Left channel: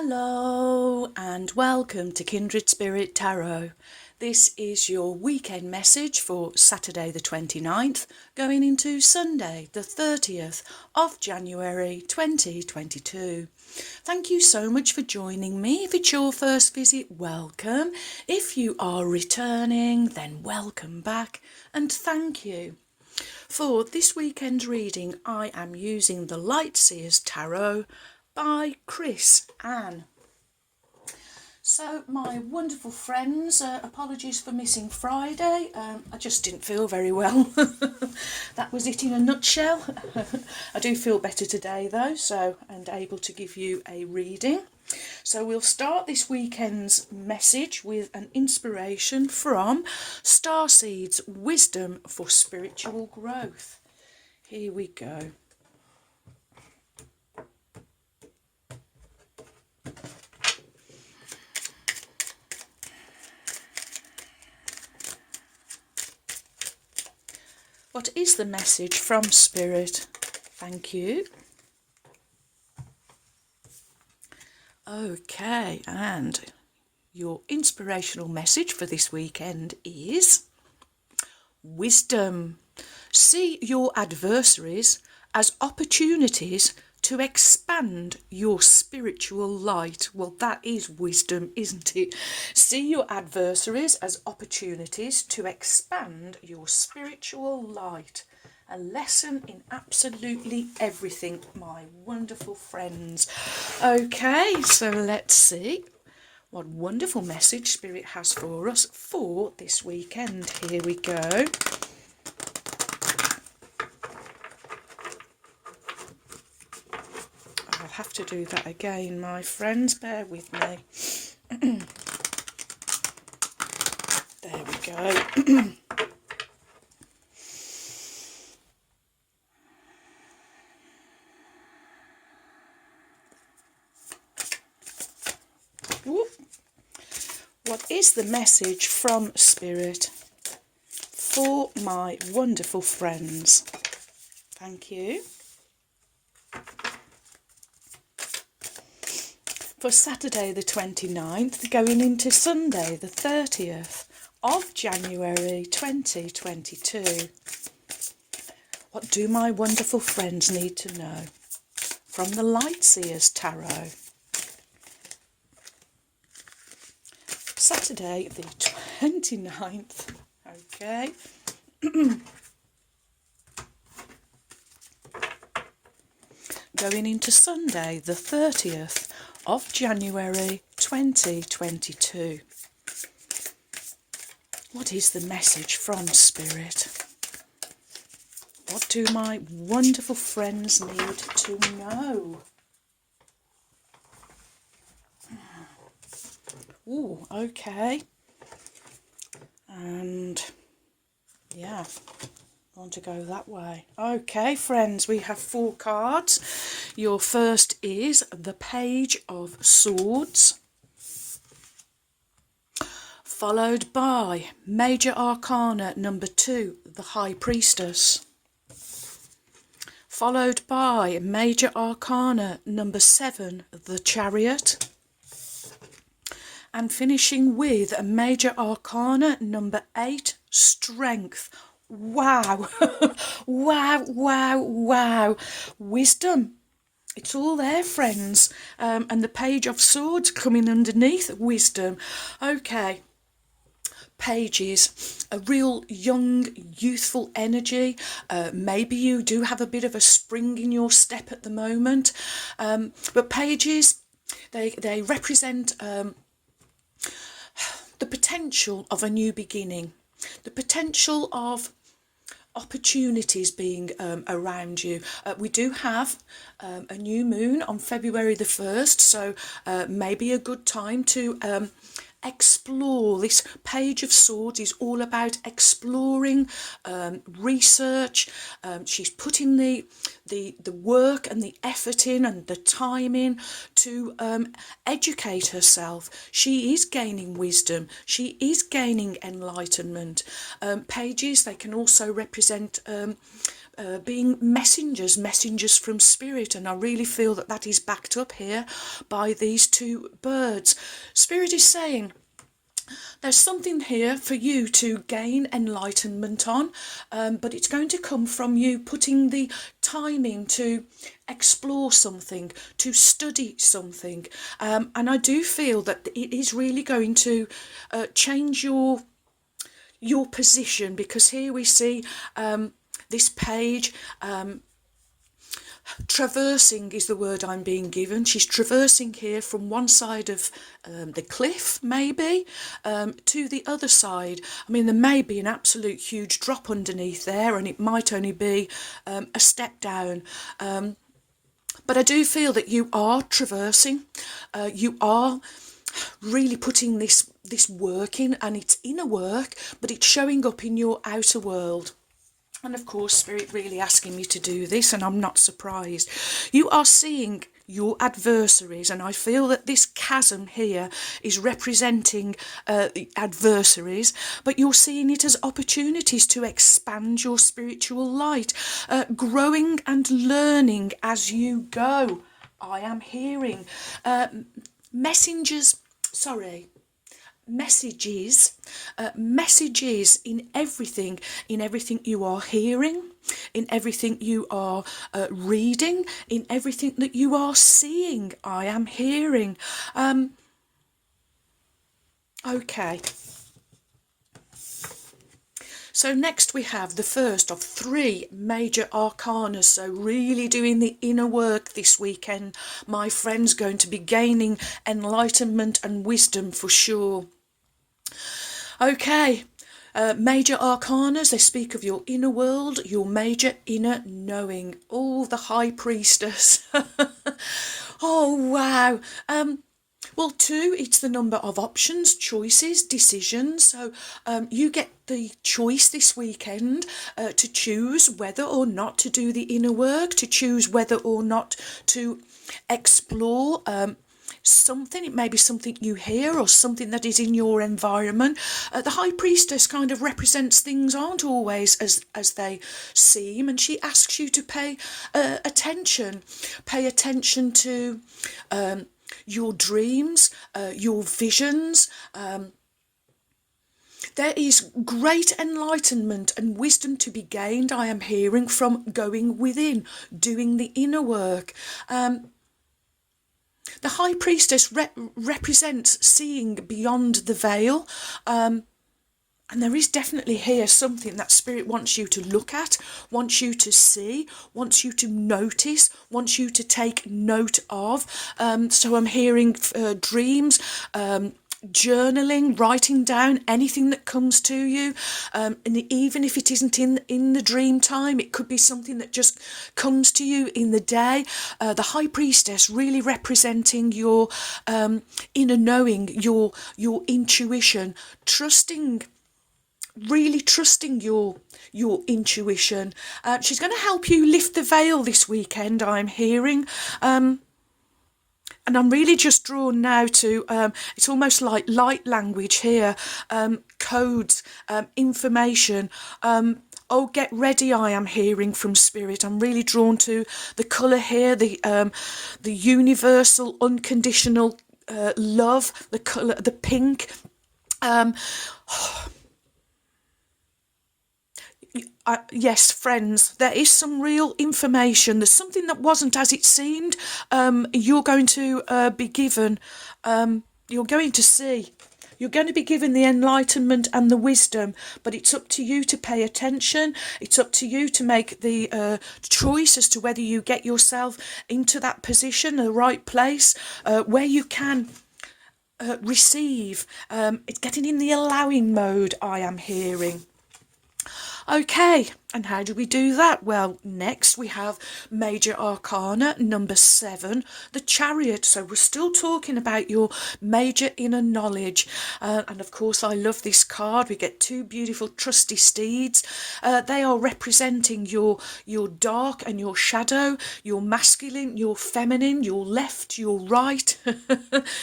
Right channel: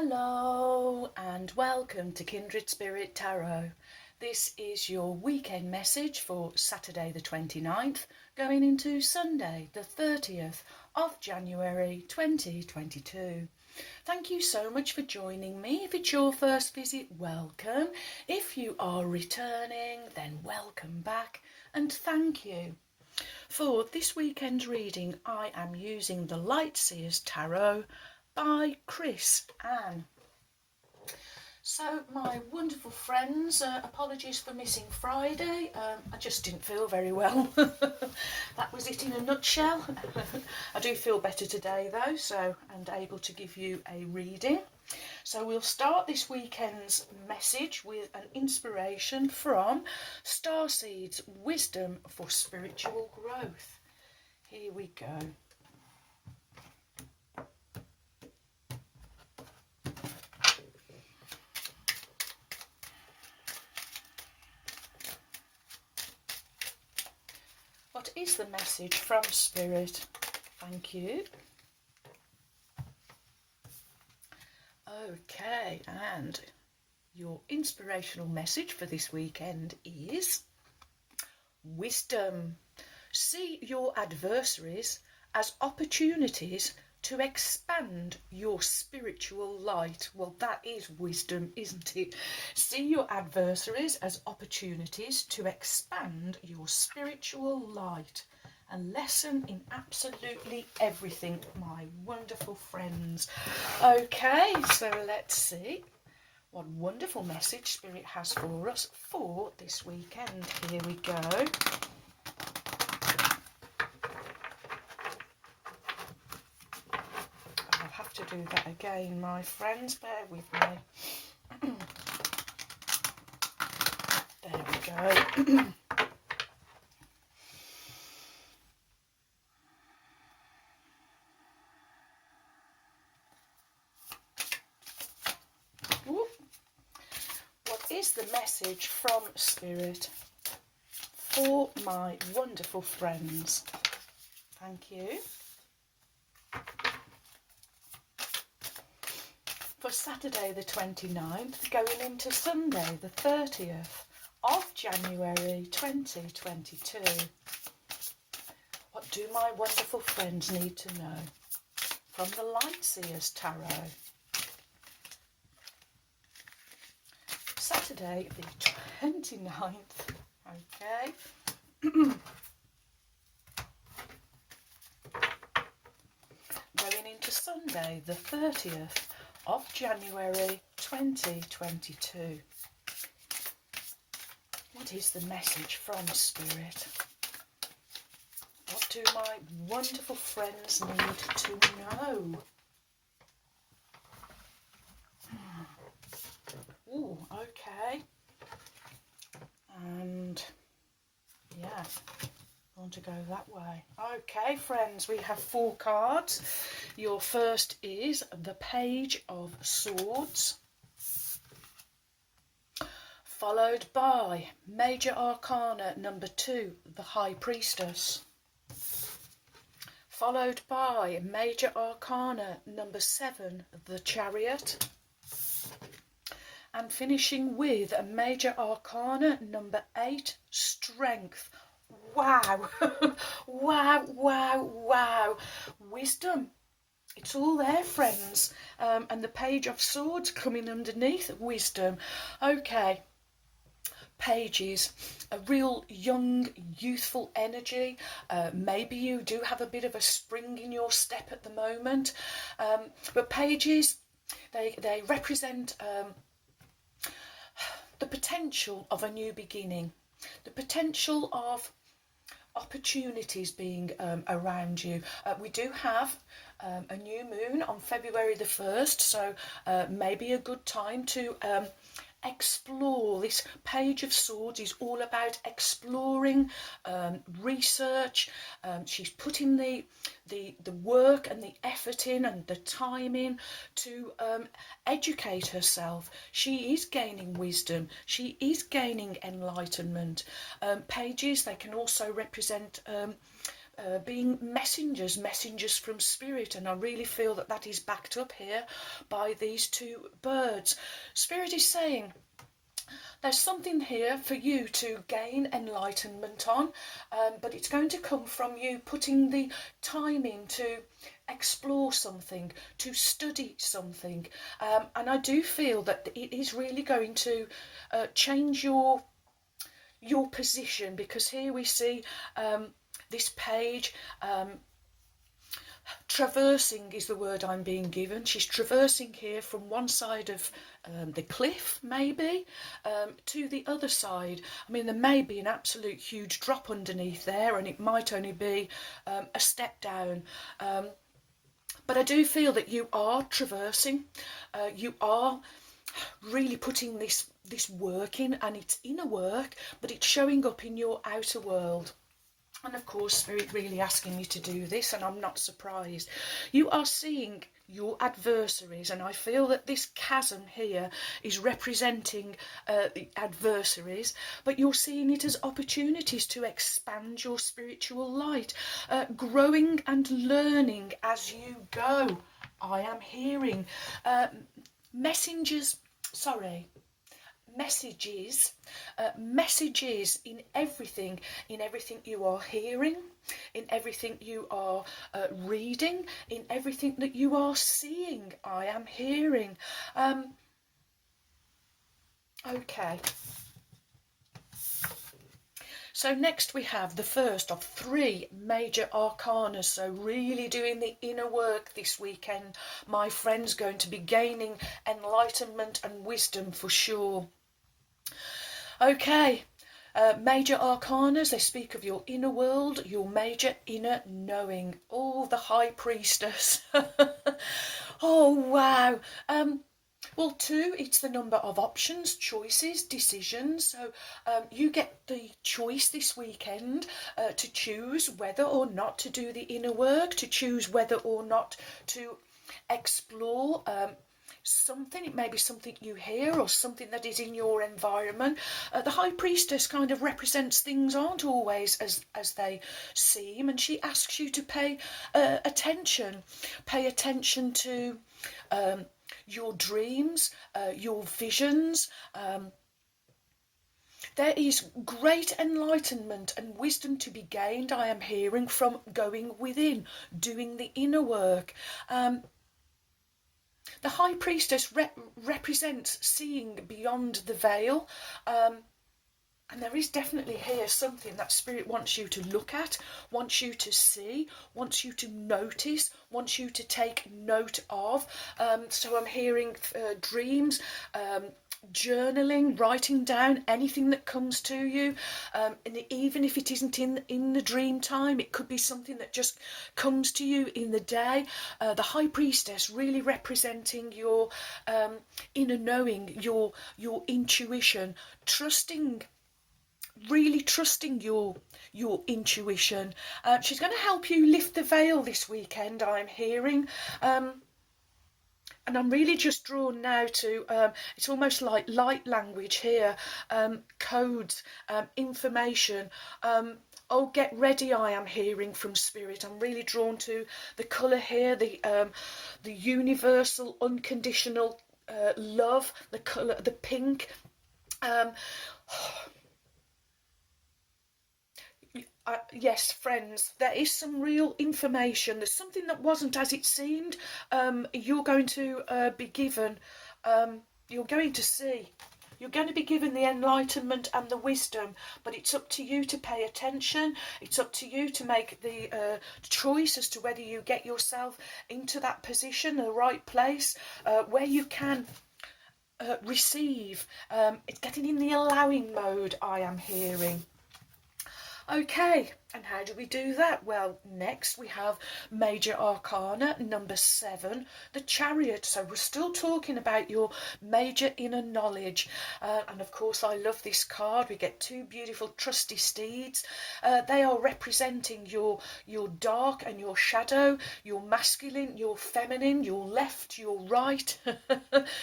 Hello and welcome to Kindred Spirit Tarot. This is your weekend message for Saturday the 29th going into Sunday the 30th of January 2022. Thank you so much for joining me. If it's your first visit, welcome. If you are returning, then welcome back and thank you. For this weekend's reading, I am using the Lightseers Tarot by Chris Ann. So my wonderful friends, apologies for missing Friday. I just didn't feel very well. That was it in a nutshell. I do feel better today though, and able to give you a reading. So we'll start this weekend's message with an inspiration from Starseed's Wisdom for Spiritual Growth. Here we go. What is the message from Spirit? Thank you. Okay, and your inspirational message for this weekend is wisdom. See your adversaries as opportunities to expand your spiritual light. Well, that is wisdom, isn't it? See your adversaries as opportunities to expand your spiritual light. A lesson in absolutely everything, my wonderful friends. Okay, so let's see what wonderful message Spirit has for us for this weekend. Here we go. I'll have to do that again, my friends. Bear with me. There we go. What is the message from Spirit for my wonderful friends? Thank you. For Saturday the 29th, going into Sunday the 30th of January 2022. What do my wonderful friends need to know from the Lightseers Tarot? Saturday the 29th, okay. Going into Sunday the 30th of January 2022. What is the message from Spirit? What do my wonderful friends need to know? Ooh, okay. And yeah, want to go that way. Okay, friends, we have 4 cards. Your first is the Page of Swords, followed by Major Arcana number 2, the High Priestess, followed by Major Arcana number 7, the Chariot, and finishing with a Major Arcana number 8, Strength. Wow. Wow, wow, wow. Wisdom. It's all there, friends. And the Page of Swords coming underneath, wisdom. Okay. Pages, a real young, youthful energy. Maybe you do have a bit of a spring in your step at the moment. But pages, they represent the potential of a new beginning, the potential of opportunities being around you. We do have a new moon on February the 1st, so maybe a good time to explore. This Page of Swords is all about exploring, research. She's putting the work and the effort in and the time in to educate herself. She is gaining wisdom. She is gaining enlightenment. Pages, they can also represent being messengers from spirit, and I really feel that that is backed up here by these two birds. Spirit is saying there's something here for you to gain enlightenment on, but it's going to come from you putting the time in to explore something, to study something, and I do feel that it is really going to change your position, because here we see this page, traversing is the word I'm being given. She's traversing here from one side of the cliff, maybe, to the other side. I mean, there may be an absolute huge drop underneath there, and it might only be a step down. But I do feel that you are traversing. You are really putting this work in, and it's inner work, but it's showing up in your outer world. And of course, Spirit really asking me to do this, and I'm not surprised. You are seeing your adversaries, and I feel that this chasm here is representing the adversaries, but you're seeing it as opportunities to expand your spiritual light, growing and learning as you go. I am hearing messages in everything you are hearing, in everything you are reading, in everything that you are seeing. I am hearing. Okay. So next we have the first of 3 major arcana. So really doing the inner work this weekend, my friends, going to be gaining enlightenment and wisdom for sure. Okay, major arcanas, they speak of your inner world, your major inner knowing. Oh, the High Priestess. Oh, wow. Well, 2, it's the number of options, choices, decisions. So you get the choice this weekend to choose whether or not to do the inner work, to choose whether or not to explore something. It may be something you hear or something that is in your environment. The High Priestess kind of represents things aren't always as they seem, and she asks you to pay attention to your dreams, your visions. There is great enlightenment and wisdom to be gained, I am hearing, from going within, doing the inner work. The High Priestess represents seeing beyond the veil, and there is definitely here something that Spirit wants you to look at, wants you to see, wants you to notice, wants you to take note of. So I'm hearing dreams, journaling, writing down anything that comes to you, and even if it isn't in the dream time, it could be something that just comes to you in the day. The High Priestess really representing your inner knowing, your intuition, really trusting your intuition. She's going to help you lift the veil this weekend, I'm hearing. And I'm really just drawn now to, it's almost like light language here, codes, information. Oh, get ready, I am hearing from Spirit. I'm really drawn to the colour here, the universal, unconditional love, the colour, the pink. Yes, friends, there is some real information. There's something that wasn't as it seemed. You're going to be given, you're going to see. You're going to be given the enlightenment and the wisdom, but it's up to you to pay attention. It's up to you to make the choice as to whether you get yourself into that position, the right place, where you can receive. It's getting in the allowing mode, I am hearing. Okay, and how do we do that? Well, next we have Major Arcana number 7, the Chariot. So we're still talking about your major inner knowledge. And of course, I love this card. We get 2 beautiful trusty steeds. They are representing your dark and your shadow, your masculine, your feminine, your left, your right,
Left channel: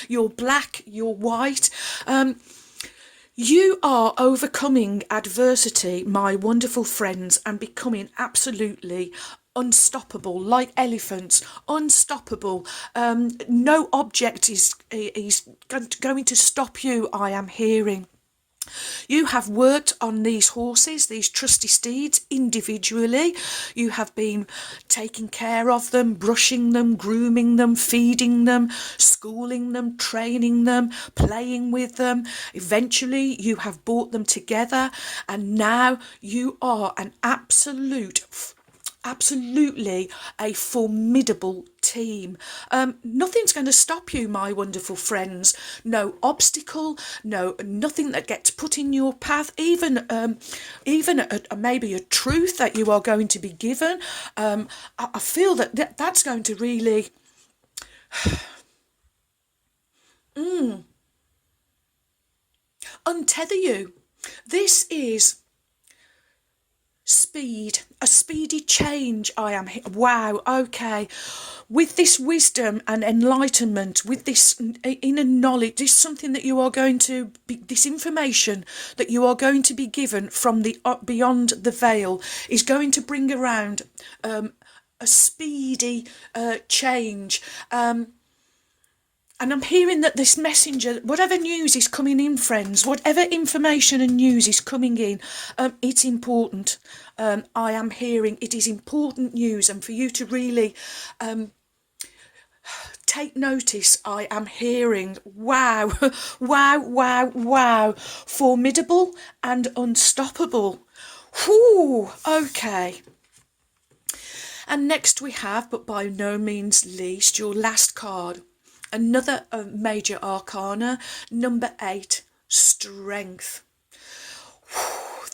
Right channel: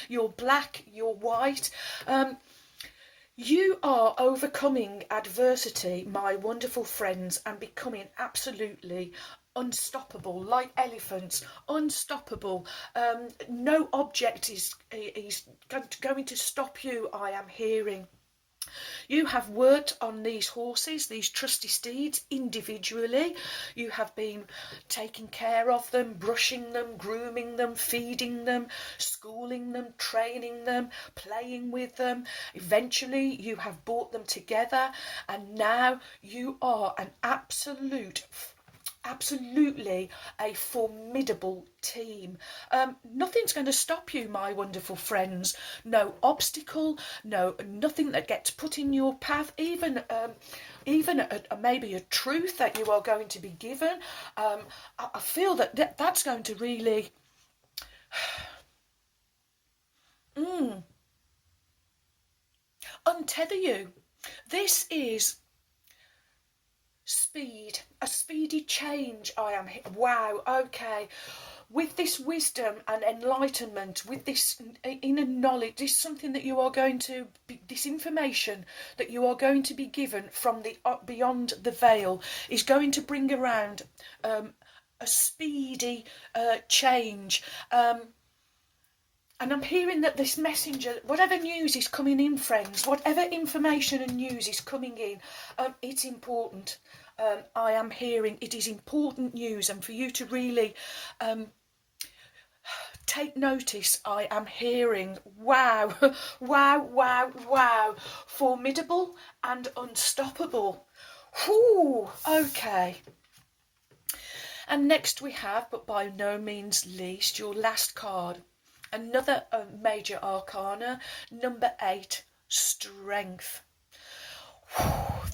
your black, your white. You are overcoming adversity, my wonderful friends, and becoming absolutely unstoppable, like elephants, unstoppable. No object is going to stop you, I am hearing. You have worked on these horses, these trusty steeds, individually. You have been taking care of them, brushing them, grooming them, feeding them, schooling them, training them, playing with them. Eventually, you have brought them together, and now you are an absolutely a formidable team. Nothing's going to stop you, my wonderful friends. No obstacle, nothing that gets put in your path, even maybe a truth that you are going to be given. I feel that's going to really untether you. This is speed, a speedy change. I am here. Wow, okay. With this wisdom and enlightenment, with this inner knowledge, this is something that you are going to be, this information that you are going to be given from the beyond the veil is going to bring around a speedy change. And I'm hearing that this messenger, whatever news is coming in, friends, whatever information and news is coming in, it's important. I am hearing it is important news, and for you to really take notice, I am hearing, wow, wow, formidable and unstoppable. Whew, okay. And next we have, but by no means least, your last card. Another major arcana, number 8, strength.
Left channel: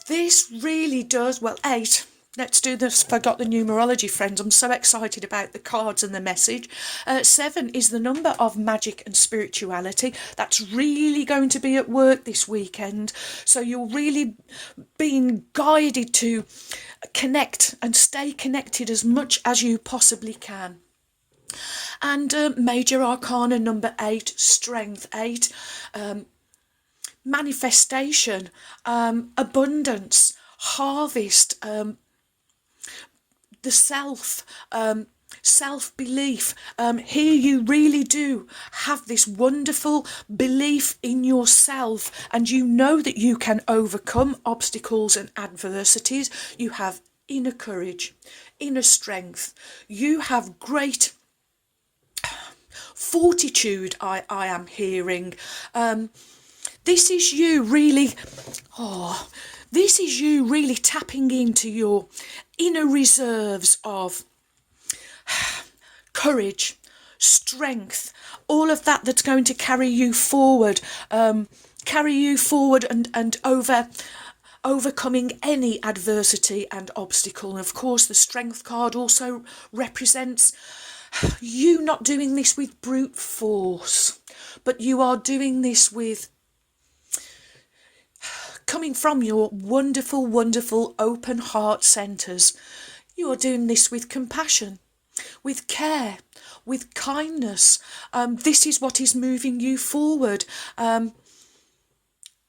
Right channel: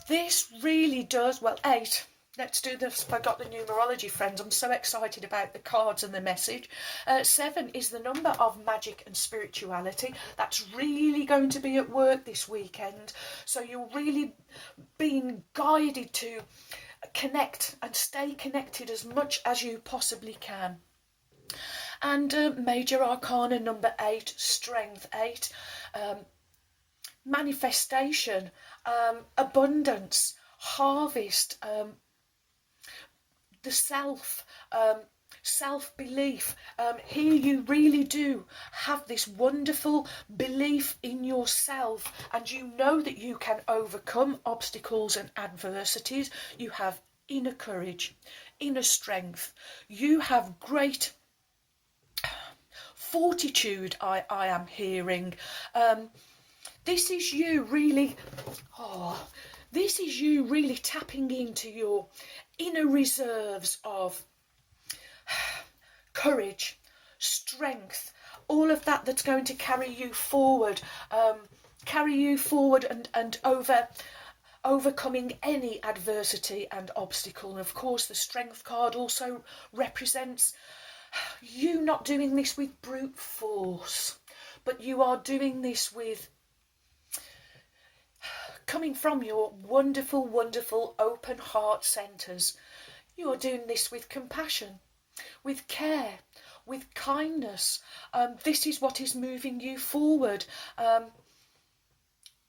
This really does, well, 8. Let's do this. Forgot the numerology, friends. I'm so excited about the cards and the message. 7 is the number of magic and spirituality. That's really going to be at work this weekend. So you're really being guided to connect and stay connected as much as you possibly can. And major arcana number 8, strength 8, manifestation, abundance, harvest, the self-belief. Here you really do have this wonderful belief in yourself, and you know that you can overcome obstacles and adversities. You have inner courage, inner strength. You have great fortitude, I am hearing. This is you really, this is you really tapping into your inner reserves of courage, strength, all of that that's going to carry you forward and overcoming any adversity and obstacle. And of course the strength card also represents you not doing this with brute force, but you are doing this with coming from your wonderful open heart centres. You are doing this with compassion, with care, with kindness. This is what is moving you forward.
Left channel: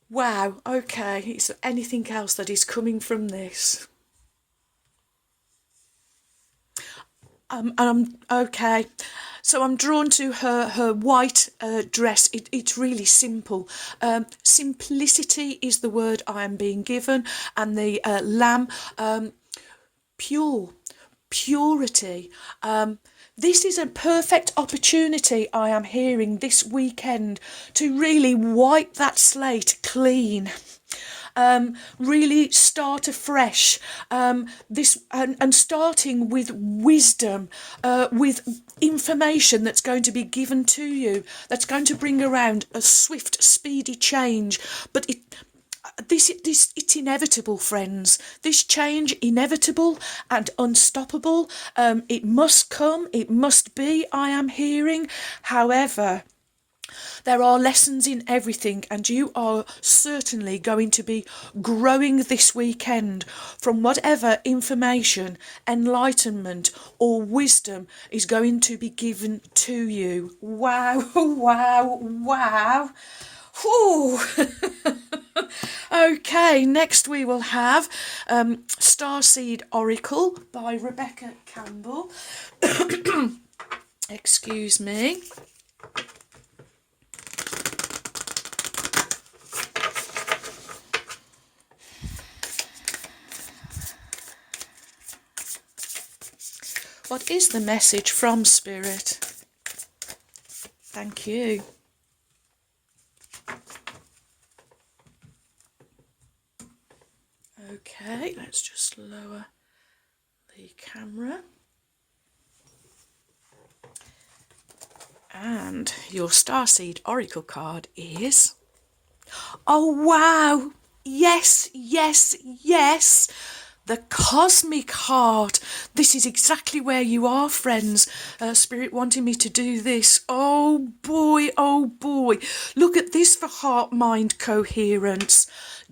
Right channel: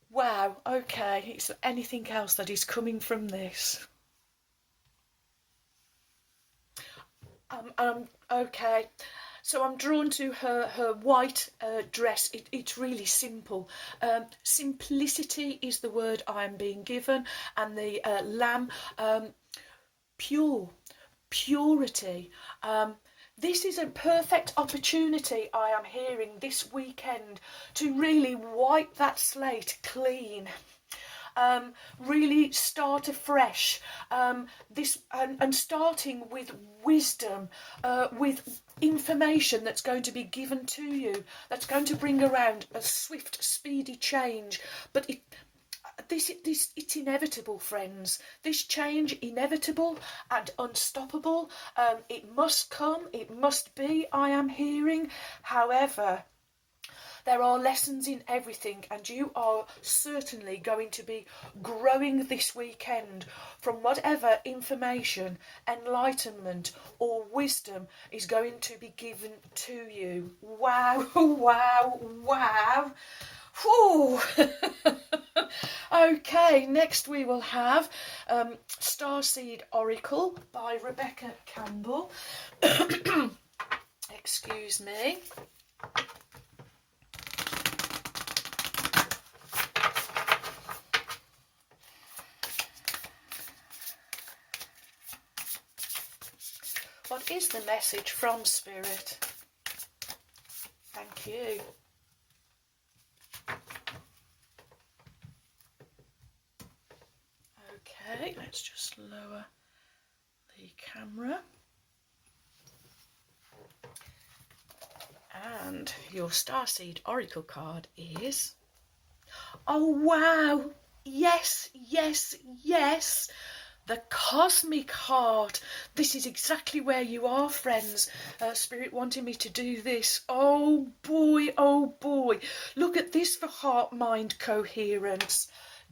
Wow, okay, is there anything else that is coming from this? Okay, so I'm drawn to her white dress. It's really simple. Simplicity is the word I am being given, and the lamb, purity. This is a perfect opportunity, I am hearing, this weekend to really wipe that slate clean. Really start afresh, this and starting with wisdom, with information that's going to be given to you, that's going to bring around a swift, speedy change. But it's inevitable, friends. This change, inevitable and unstoppable. It must come, it must be, I am hearing. However, there are lessons in everything, and you are certainly going to be growing this weekend from whatever information, enlightenment or wisdom is going to be given to you. Wow. Whew. Okay, next we will have Starseed Oracle by Rebecca Campbell. Excuse me. What is the message from Spirit? Thank you. Okay, let's just lower the camera. And your Starseed Oracle card is... Oh, wow! Yes, yes, yes! The Cosmic Heart. This is exactly where you are, friends. Spirit wanting me to do this. Oh boy, oh boy. Look at this for heart-mind coherence.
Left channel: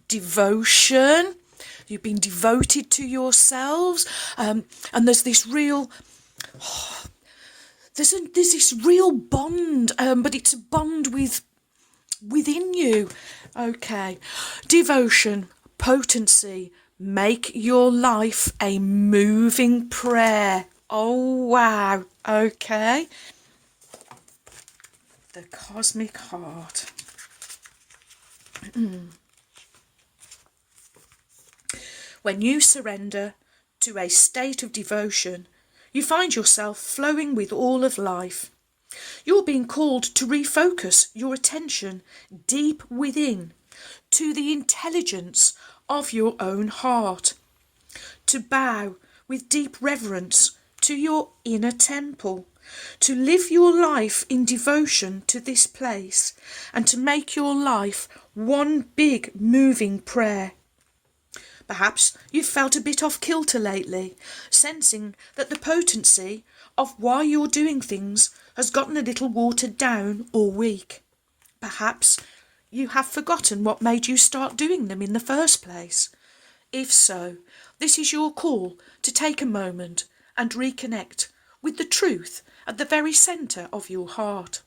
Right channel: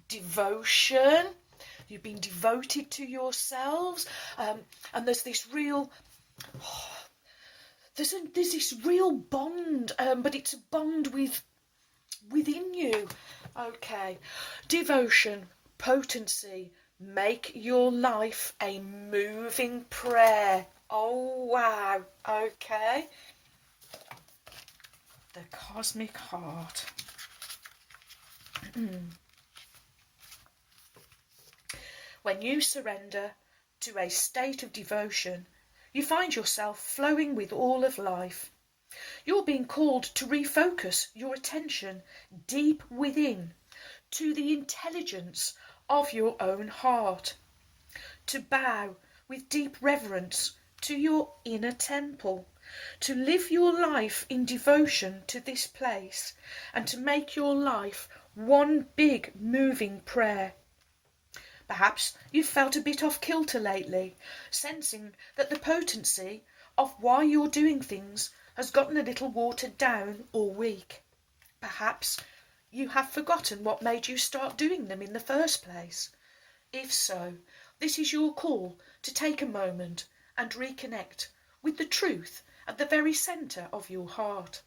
Devotion. You've been devoted to yourselves. And there's this real... There's this real bond, but it's a bond within you. Okay. Devotion, potency. Make your life a moving prayer. Oh, wow. Okay. The Cosmic Heart. When you surrender to a state of devotion, you find yourself flowing with all of life. You're being called to refocus your attention deep within, to the intelligence of your own heart, to bow with deep reverence to your inner temple, to live your life in devotion to this place, and to make your life one big moving prayer. Perhaps you've felt a bit off kilter lately, sensing that the potency of why you're doing things has gotten a little watered down or weak. Perhaps you have forgotten what made you start doing them in the first place. If so, this is your call to take a moment and reconnect with the truth at the very centre of your heart,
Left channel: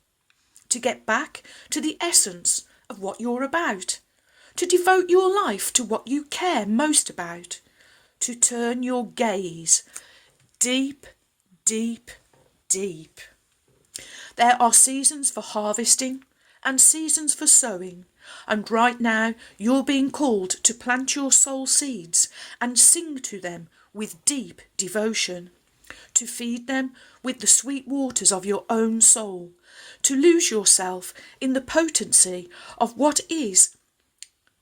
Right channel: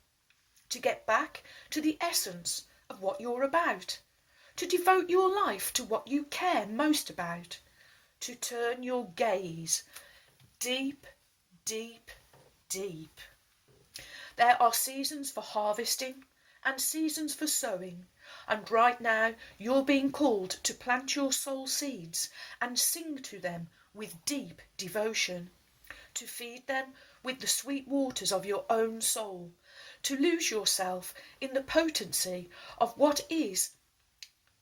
to get back to the essence of what you're about, to devote your life to what you care most about, to turn your gaze deep, deep, deep. There are seasons for harvesting and seasons for sowing, and right now you're being called to plant your soul seeds and sing to them with deep devotion, to feed them with the sweet waters of your own soul, to lose yourself in the potency of what is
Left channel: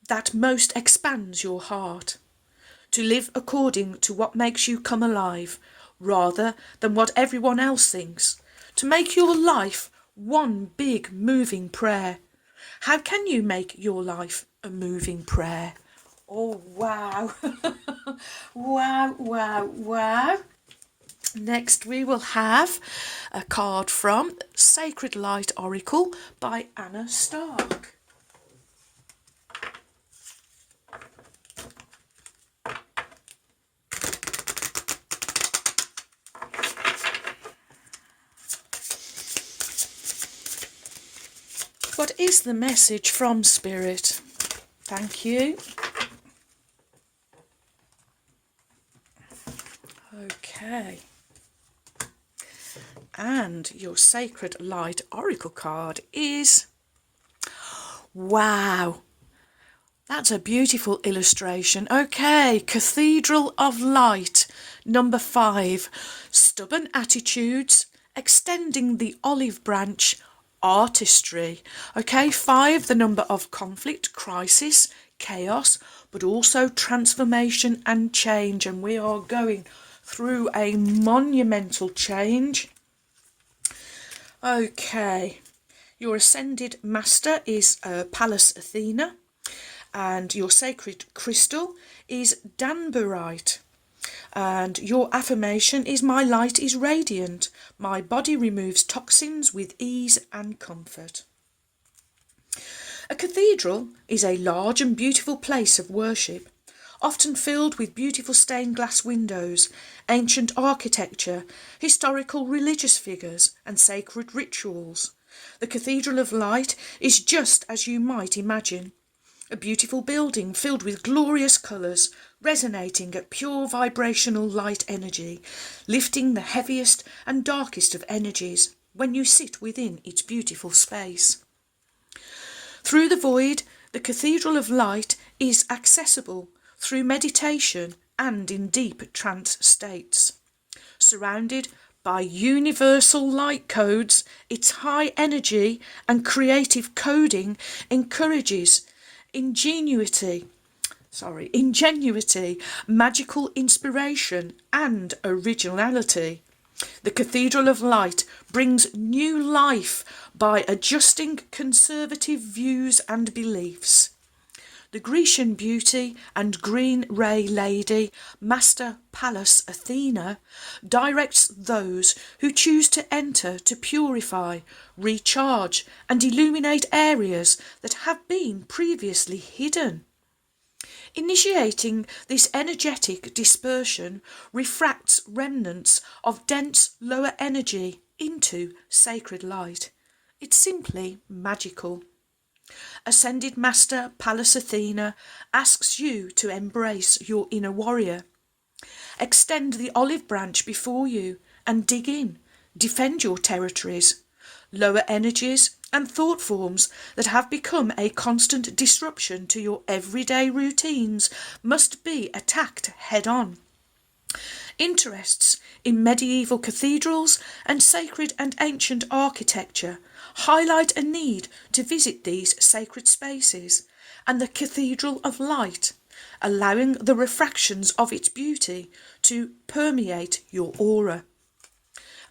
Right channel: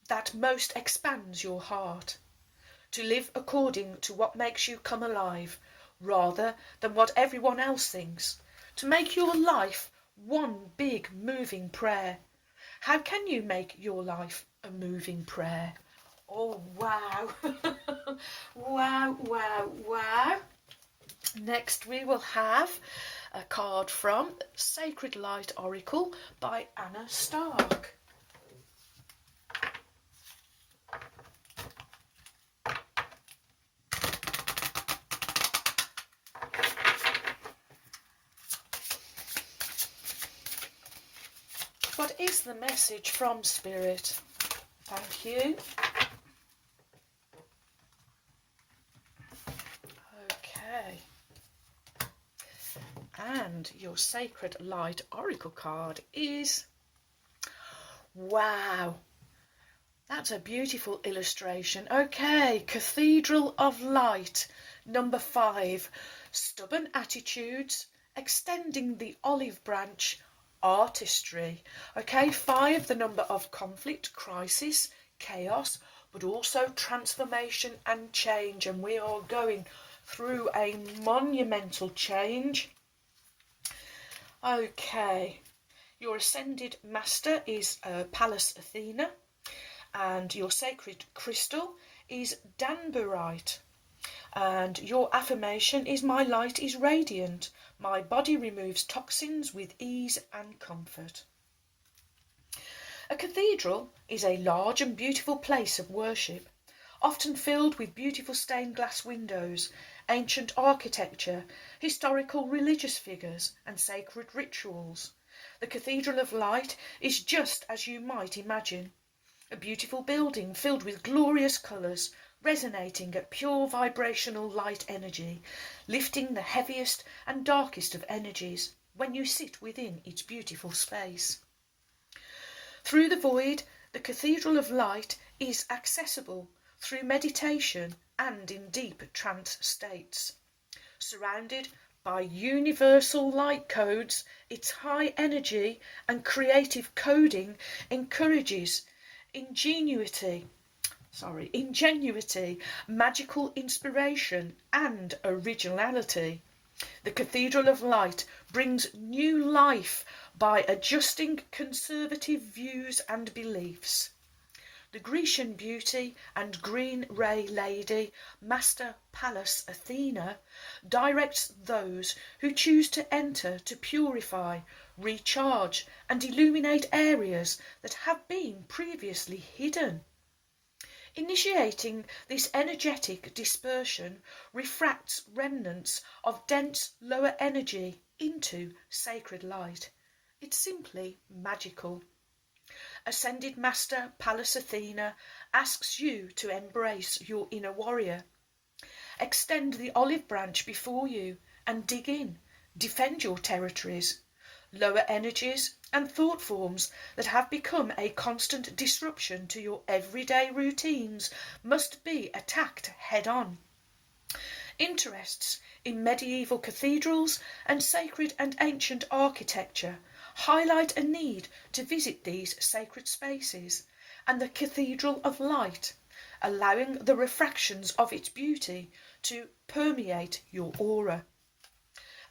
that most expands your heart, to live according to what makes you come alive, rather than what everyone else thinks, to make your life one big moving prayer. How can you make your life a moving prayer? Oh, wow. Wow, wow, wow. Next we will have a card from Sacred Light Oracle by Anna Stark. What is the message from Spirit? Thank you. Okay. And your Sacred Light Oracle card is... Wow. That's a beautiful illustration. Okay, Cathedral of Light, number 5. Stubborn attitudes, extending the olive branch, artistry. Okay, 5, the number of conflict, crisis, chaos, but also transformation and change. And we are going through a monumental change. Okay, your Ascended Master is Pallas Athena, and your sacred crystal is danburite. And your affirmation is: my light is radiant. My body removes toxins with ease and comfort. A cathedral is a large and beautiful place of worship, often filled with beautiful stained glass windows, ancient architecture, historical religious figures, and sacred rituals. The Cathedral of Light is just as you might imagine. A beautiful building filled with glorious colours, resonating at pure vibrational light energy, lifting the heaviest and darkest of energies when you sit within its beautiful space. Through the void, the Cathedral of Light is accessible through meditation and in deep trance states. Surrounded by universal light codes, its high energy and creative coding encourages ingenuity, magical inspiration and originality. The Cathedral of Light brings new life by adjusting conservative views and beliefs. The Grecian beauty and green ray lady, Master Pallas Athena, directs those who choose to enter to purify, recharge and illuminate areas that have been previously hidden. Initiating this energetic dispersion refracts remnants of dense lower energy into sacred light. It's simply magical. Ascended Master Pallas Athena asks you to embrace your inner warrior. Extend the olive branch before you and dig in. Defend your territories. Lower energies and thought forms that have become a constant disruption to your everyday routines must be attacked head-on. Interests in medieval cathedrals and sacred and ancient architecture highlight a need to visit these sacred spaces and the Cathedral of Light, allowing the refractions of its beauty to permeate your aura.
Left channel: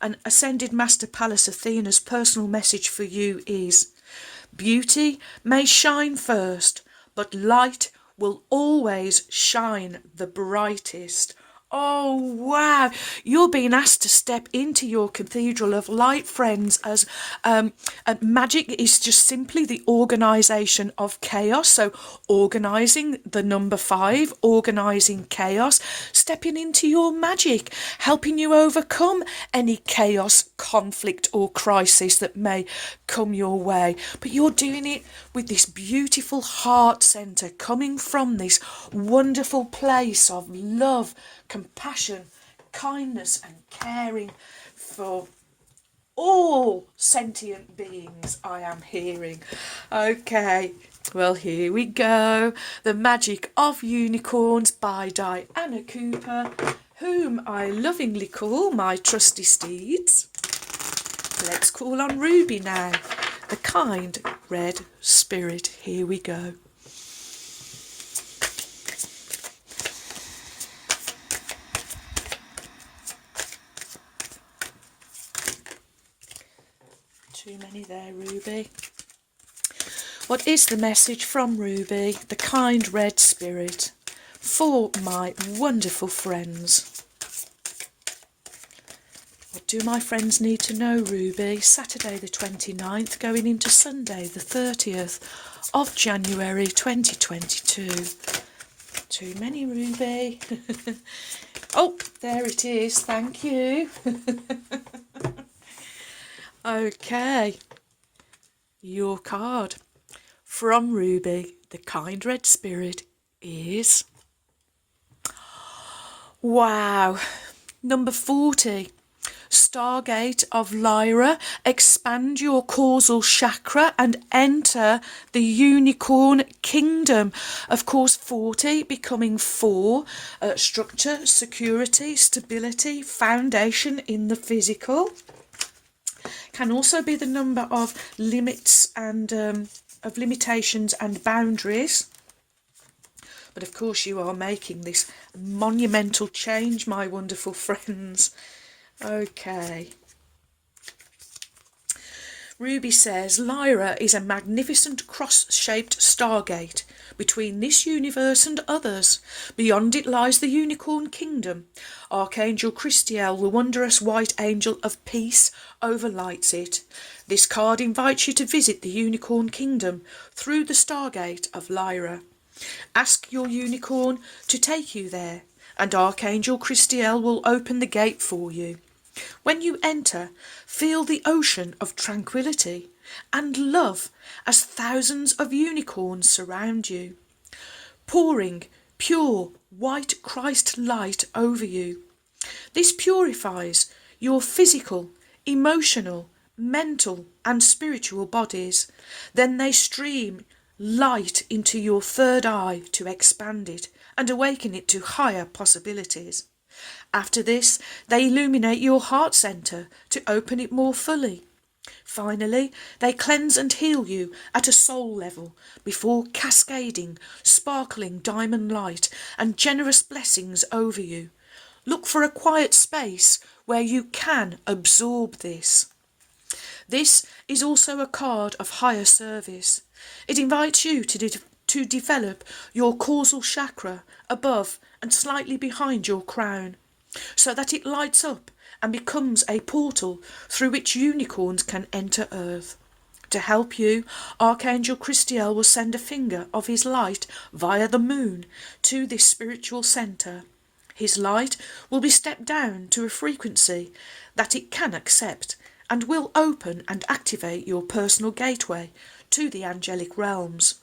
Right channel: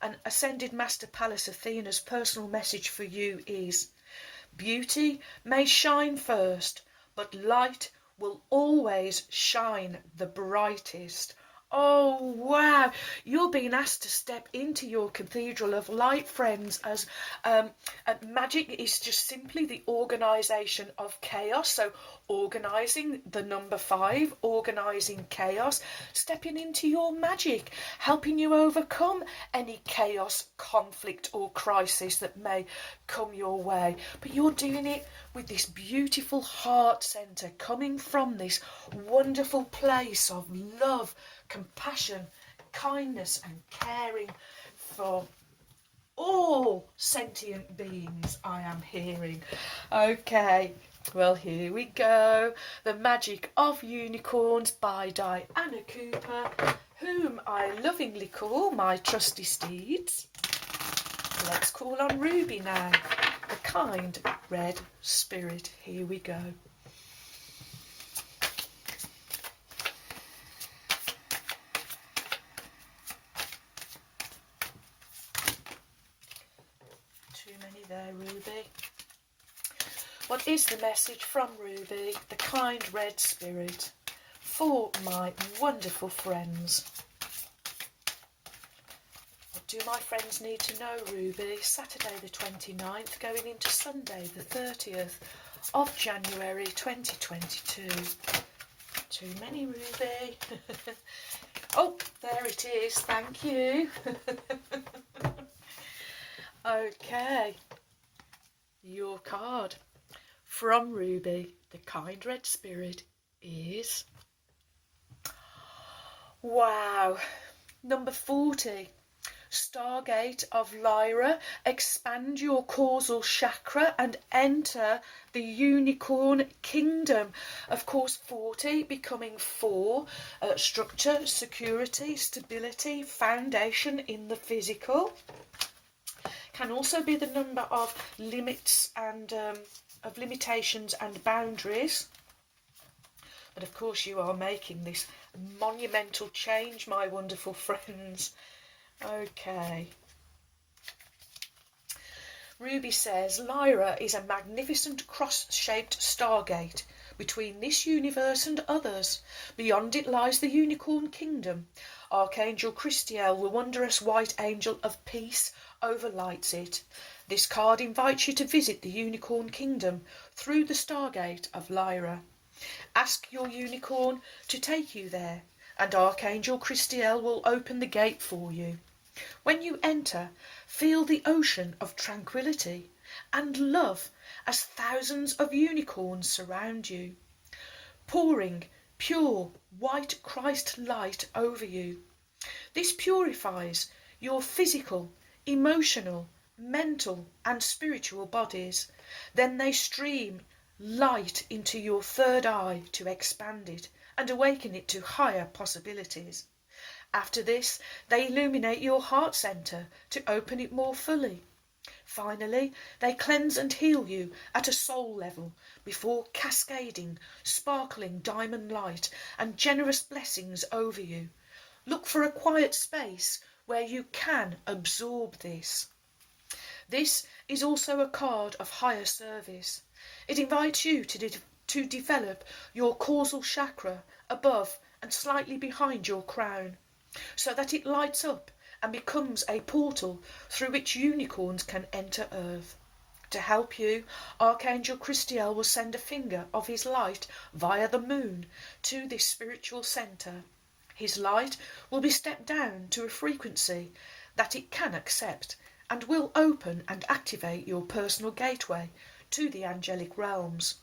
And Ascended Master Pallas Athena's personal message for you is: beauty may shine first, but light will always shine the brightest. Oh, wow. You're being asked to step into your Cathedral of Light, friends, as magic is just simply the organisation of chaos. So organising the number 5, organising chaos, stepping into your magic, helping you overcome any chaos, conflict or crisis that may come your way. But you're doing it with this beautiful heart centre, coming from this wonderful place of love, compassion, kindness and caring for all sentient beings, I am hearing. Okay, well, here we go. The Magic of Unicorns by Diana Cooper, whom I lovingly call my trusty steeds. Let's call on Ruby now, the kind red spirit. Here we go. Too many there, Ruby. What is the message from Ruby, the kind red spirit, for my wonderful friends? What do my friends need to know, Ruby? Saturday the 29th, going into Sunday the 30th of January 2022. Too many, Ruby. Oh, there it is. Thank you. Okay, your card from Ruby, the kind red spirit, is, wow, number 40. Stargate of Lyra, expand your causal chakra and enter the unicorn kingdom. Of course, 40 becoming 4, structure, security, stability, foundation in the physical. Can also be the number of limits and of limitations and boundaries. But of course you are making this monumental change, my wonderful friends. Okay. Ruby says, Lyra is a magnificent cross-shaped stargate between this universe and others. Beyond it lies the Unicorn Kingdom. Archangel Christiel, the wondrous white angel of peace, overlights it. This card invites you to visit the Unicorn Kingdom through the Stargate of Lyra. Ask your unicorn to take you there, and Archangel Christiel will open the gate for you. When you enter, feel the ocean of tranquility. and love as thousands of unicorns surround you, pouring pure white Christ light over you. This purifies your physical, emotional, mental and spiritual bodies. Then they stream light into your third eye to expand it and awaken it to higher possibilities. After this, they illuminate your heart centre to open it more fully. Finally, they cleanse and heal you at a soul level before cascading sparkling diamond light and generous blessings over you. Look for a quiet space where you can absorb this. This is also a card of higher service. It invites you to develop your causal chakra above and slightly behind your crown, so that it lights up and becomes a portal through which unicorns can enter Earth. To help you, Archangel Christiel will send a finger of his light via the moon to this spiritual centre. His light will be stepped down to a frequency that it can accept and will open and activate your personal gateway to the angelic realms.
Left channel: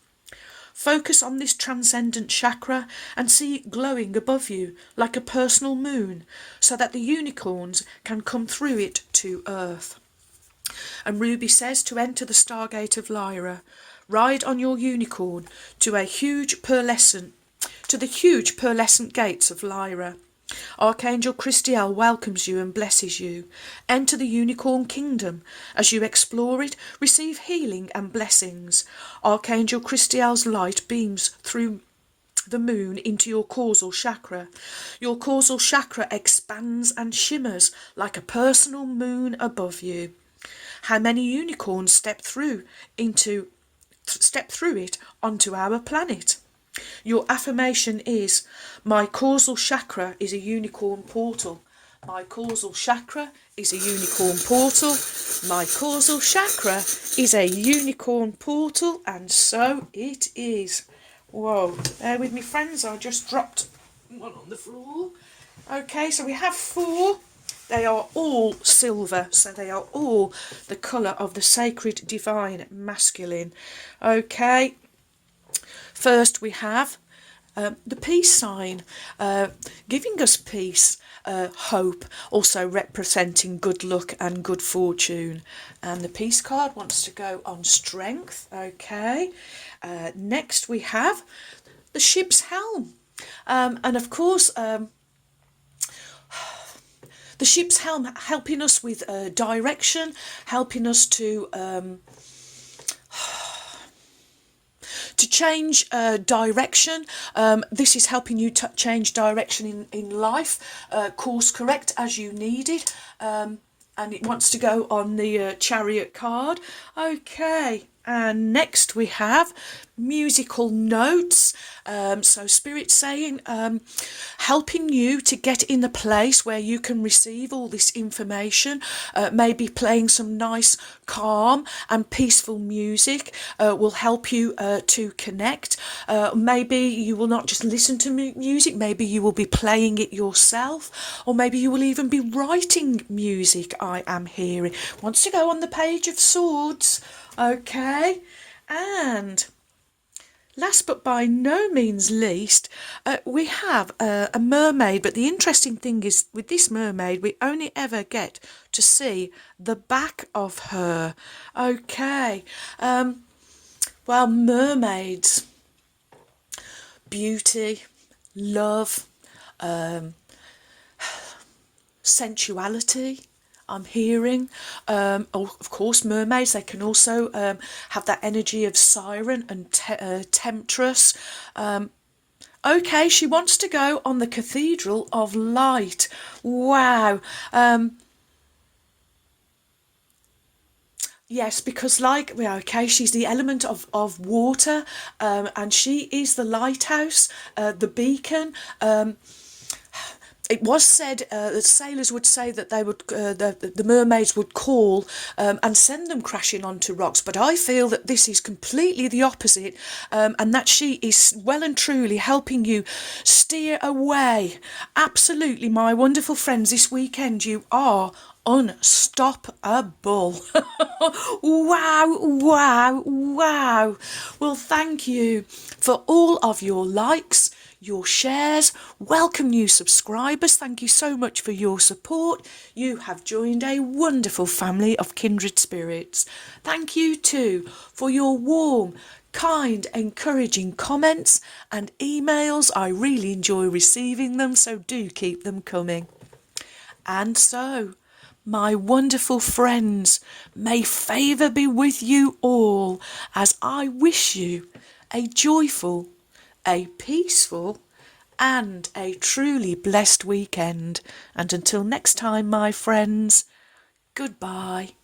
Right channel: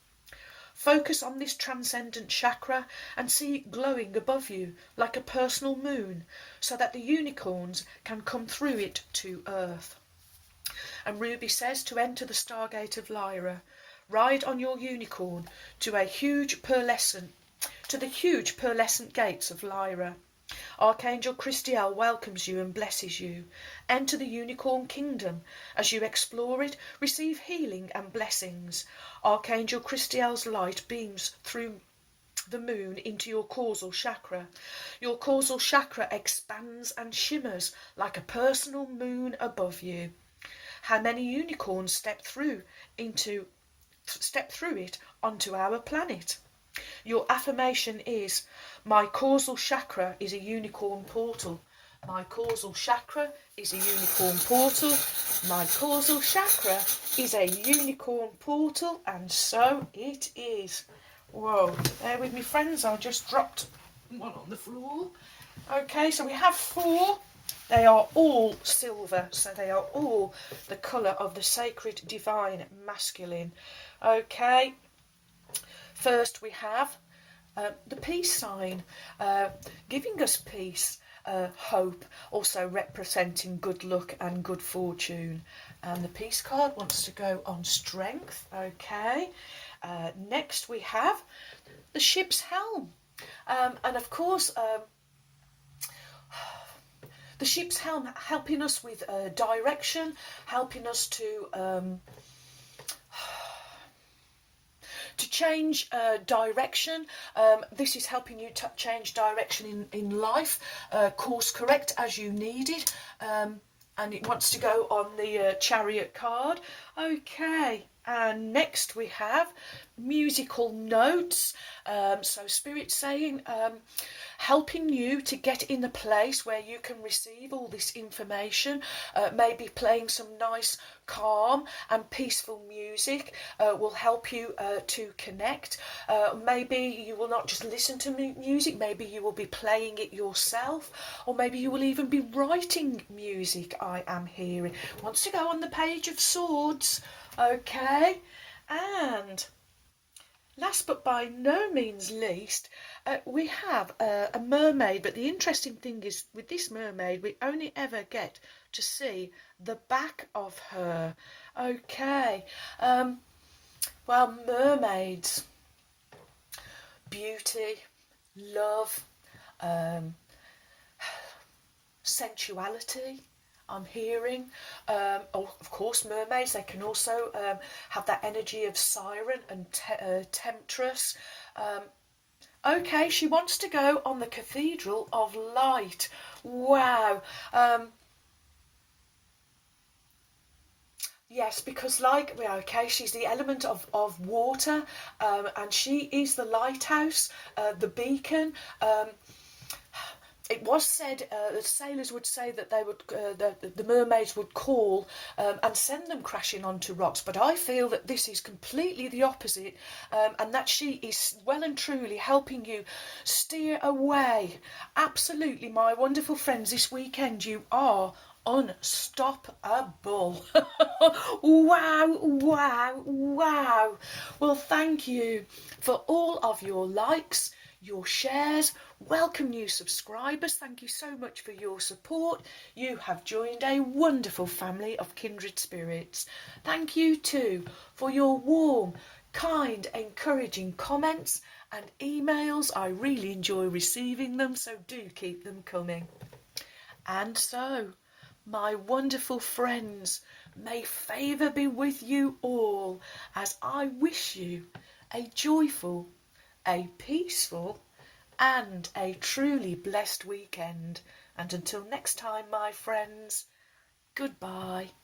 Focus on this transcendent chakra and see it glowing above you like a personal moon so that the unicorns can come through it to Earth. And Ruby says to enter the Stargate of Lyra, ride on your unicorn to the huge pearlescent gates of Lyra. Archangel Christiel welcomes you and blesses you. Enter the unicorn kingdom. As you explore it, receive healing and blessings. Archangel Christiel's light beams through the moon into your causal chakra. Your causal chakra expands and shimmers like a personal moon above you. How many unicorns step through it onto our planet? Your affirmation is, my causal chakra is a unicorn portal. My causal chakra is a unicorn portal. My causal chakra is a unicorn portal, and so it is. Whoa, bear with me friends, I just dropped one on the floor. Okay, so we have 4. They are all silver, so they are all the colour of the sacred divine masculine. Okay, first we have the peace sign, giving us peace, hope, also representing good luck and good fortune. And the peace card wants to go on strength. Okay, next we have the ship's helm, and of course the ship's helm helping us with direction, helping us to change direction. This is helping you change direction in life, course correct as you need it. And it wants to go on the Chariot card. Okay, and next we have musical notes. So Spirit saying, helping you to get in the place where you can receive all this information, maybe playing some nice, calm and peaceful music will help you to connect. Maybe you will not just listen to music, maybe you will be playing it yourself, or maybe you will even be writing music, I am hearing. Wants to go on the Page of Swords. Okay, and last but by no means least, we have a mermaid. But the interesting thing is, with this mermaid, we only ever get to see the back of her. Okay, well, mermaids, beauty, love, sensuality, I'm hearing. Of course, mermaids, they can also have that energy of siren and temptress. Okay, she wants to go on the Cathedral of Light. Wow. Yes, because okay, she's the element of water, and she is the lighthouse, the beacon. It was said that sailors would say that they would, the mermaids would call and send them crashing onto rocks, but I feel that this is completely the opposite, and that she is well and truly helping you steer away. Absolutely, my wonderful friends, this weekend you are unstoppable. Wow, wow, wow. Well, thank you for all of your likes, your shares. Welcome new subscribers. Thank you so much for your support. You have joined a wonderful family of kindred spirits. Thank you too for your warm, kind, encouraging comments and emails. I really enjoy receiving them, so do keep them coming. And so, my wonderful friends, may favour be with you all as I wish you a joyful, a peaceful, and a truly blessed weekend. And until next time, my friends, goodbye.